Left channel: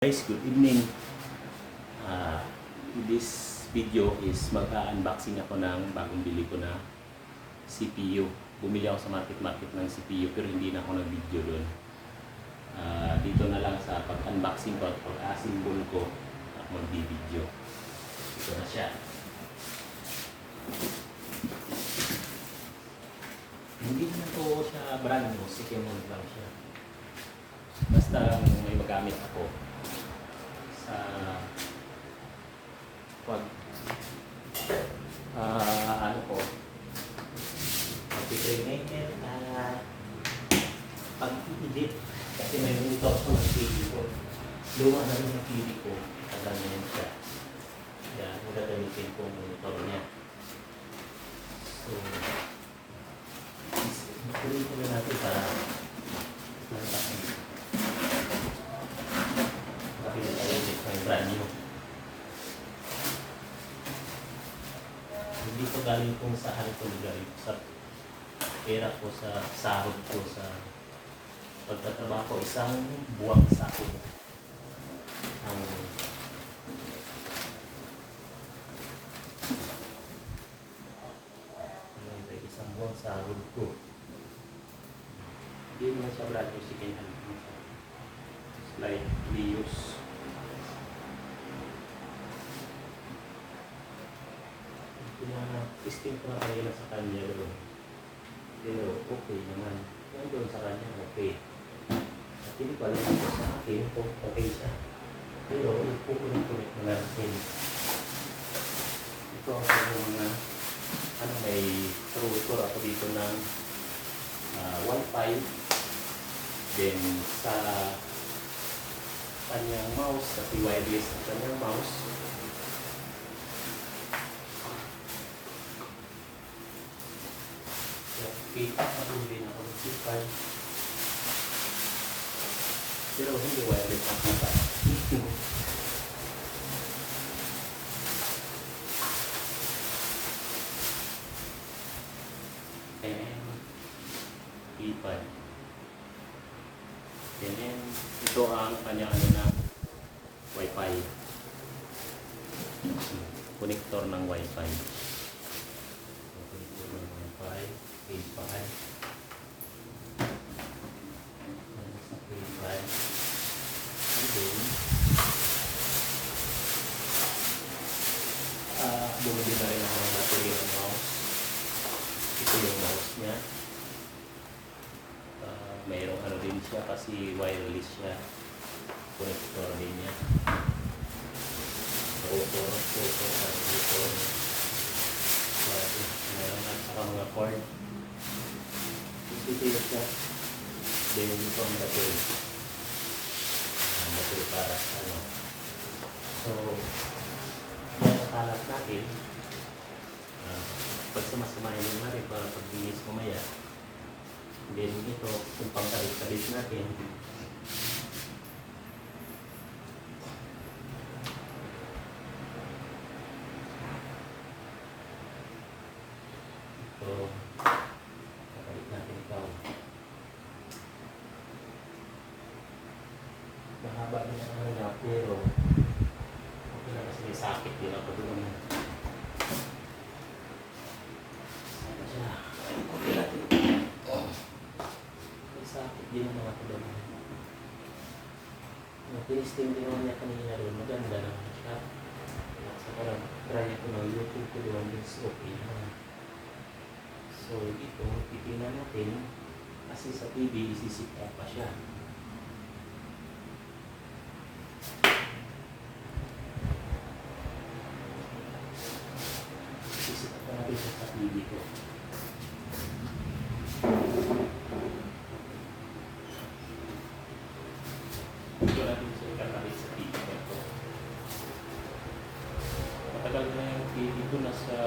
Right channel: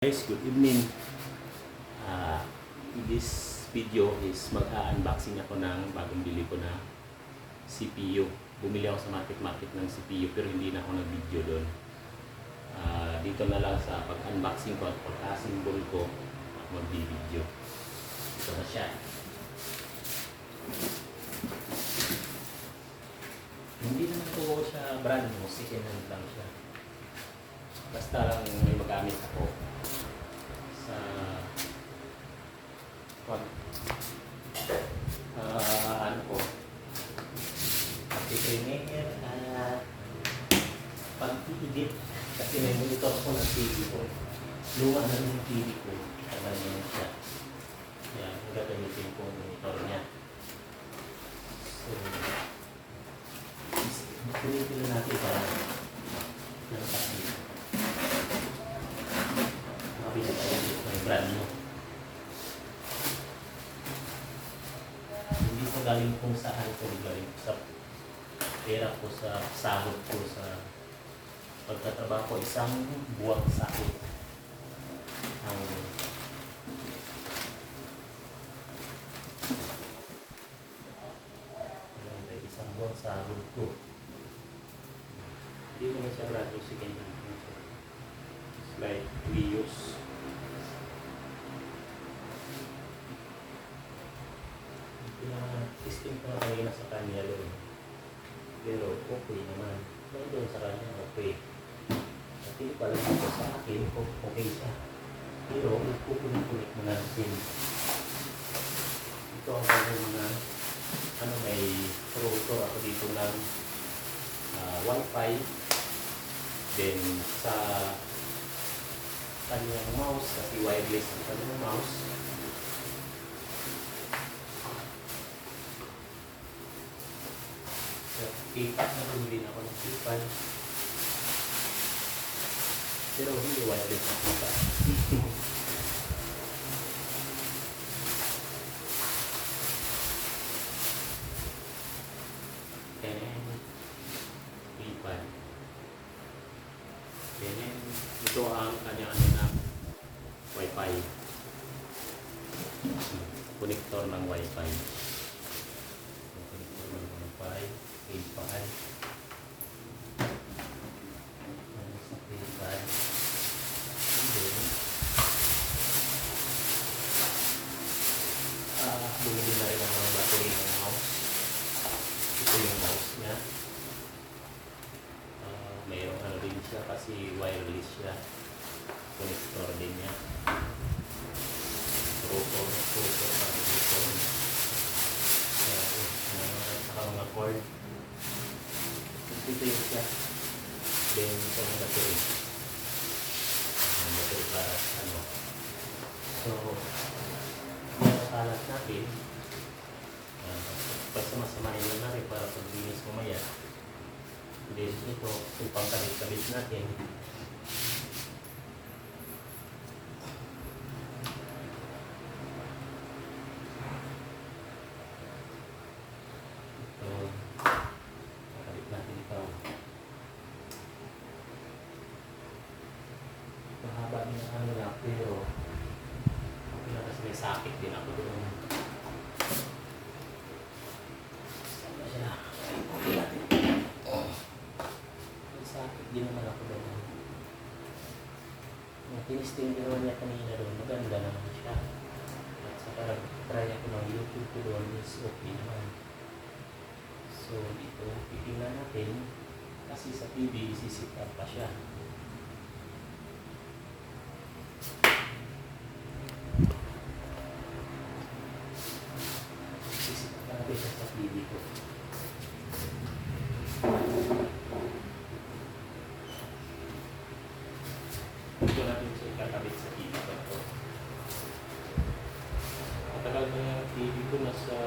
Guys, good evening. This video is mag-unboxing ako ng bagong bili ko na CPU. Bumili ako sa market ng CPU pero hindi na ako nag-video doon. Dito na lang sa pag-unboxing ko at pag-assemble ko ako mag-video. Ito na siya. Hindi naman po siya brand new, second hand lang siya. Basta lang may magamit ako sa ano ko pag-training at pag-edit kasi may monitor ako ng TV ko. Luma na yung TV ko, kaya yan siya. Yan, gagamitin ko ang monitor niya. So kunin ko na natin para lantakin. Kapila tayo may brand new. Hindi ko galing kung saan ko galing sa pera ko, sa sahod ko, sa pagtatrabaho ko, isang buwang sahod ang isang buwang sahod ko. Hindi mo na siya brand new, sige na slide reuse. Testing ko na kanina sa kanya doon. Pero okay naman. Kaya doon sa kanya okay. At hindi ko alam ito sa akin kung okay siya. Pero nagpupulit-pulit na natin. Ito ang mga may router ako dito ng Wi-Fi. Then sa kanyang mouse, kasi wireless ang kanyang mouse. Kita na din ako ng super. Pero hindi wala din sa kita. And iPad. Then ito ang kanyang na Wi-Fi. Connector ng Wi-Fi. Bumili na rin ang mga battery ng mouse. Ito yung mouse niya. Mayroong ano din siya kasi wireless siya. Connector din niya. Rotor. Saka mga cord. Ito yung siya. Then ito ang battery. Ang battery para sa ano. So, kalat natin pagsamasamahin yung mari para paglinis mamaya. Then ito yung pangkalit-kalit natin. Ito kakalit natin ito. Mahaba din ang ano na pero okay na kasi may sakit din ako doon. May sakit din naman ako doon. Tinisting din naman niya kanina doon. Maganda naman siya. At sa parang try ako ng YouTube ko doon is okay naman. So dito, titingnan natin kasi sa TV isisita pa siya. Sa TV ko. Ito natin sa ikakabit sa TV ko. Matagal na yung TV ko, nasa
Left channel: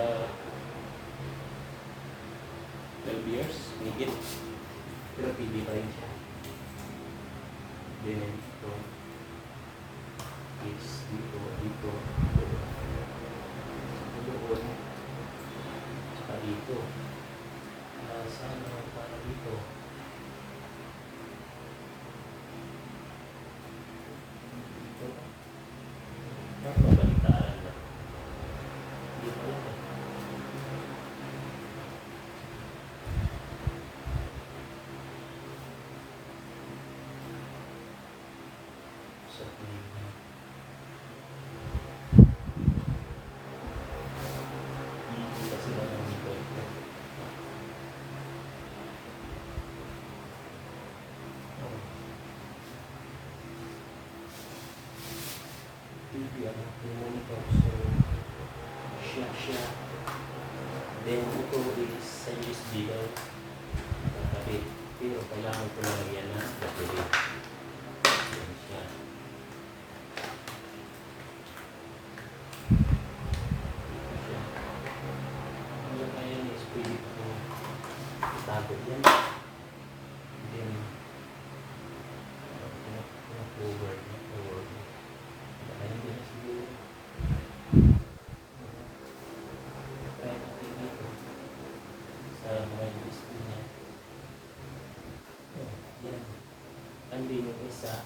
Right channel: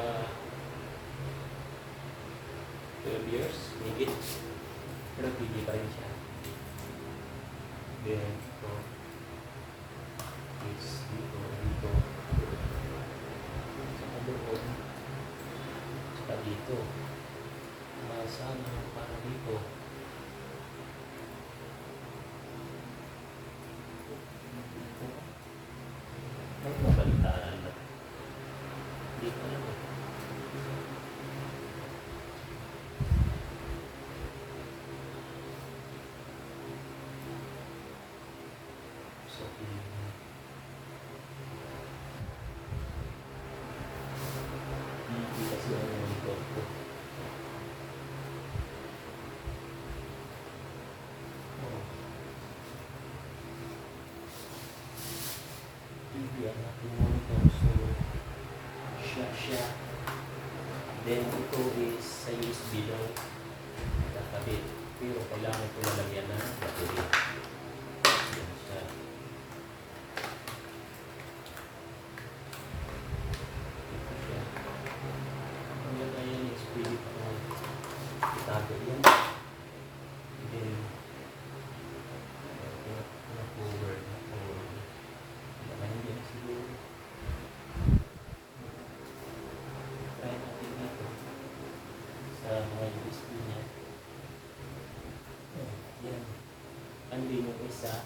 12 years, higit. Pero TV pa rin siya. Then ito is dito. Doon. Dito. Saan naman para dito? Dito. TV ang aking monitor. So, siya. Then, ito is sa USB daw. Kakabit. Pero kailangan ko lalagyan ng battery. Yan siya. Ito siya. Ang lagayan is pwede ko itago yan. Then, na-forward. Lagayan din na siguro. Try natin dito. Sa mga USB niya. Yan. Andin yung isa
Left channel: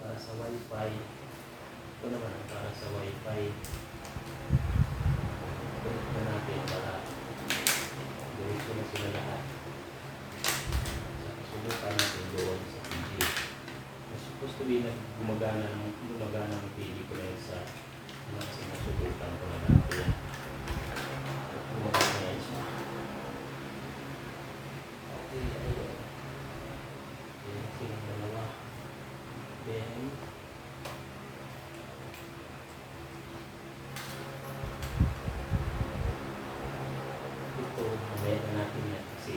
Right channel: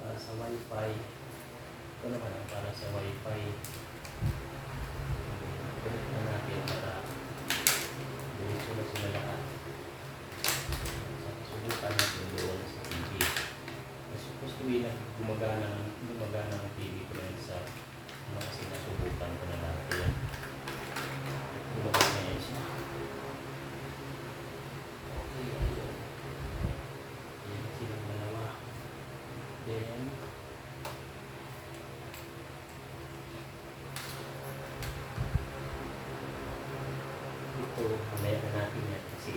para sa Wi-Fi. Ito naman ang para sa Wi-Fi. Connect na natin para diretso na sila lahat. Subukan natin doon sa TV. Supposed to be gumagana ang TV ko na yun sa mga sinasubukan ko na dati yan. Gumagana yan siya. Okay, ayun. Ayan silang dalawa. Then, ito, mamaya na natin yan kasi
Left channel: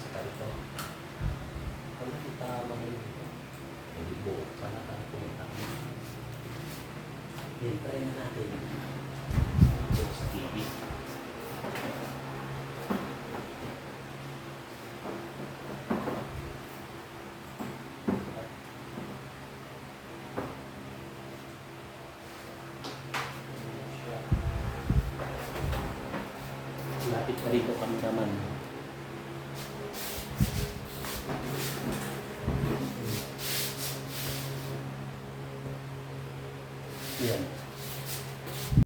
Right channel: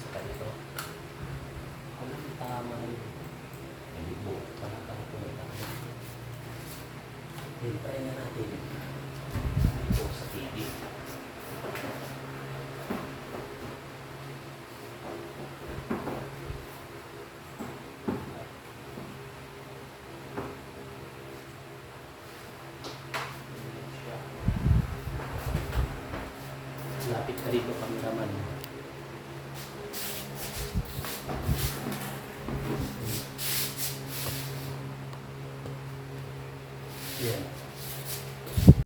saka ito. Kung tama na yun, hindi buo pala ka kung tama. Then, try na natin ito sa TV. Lapit pa rin ang kameraman. Yan.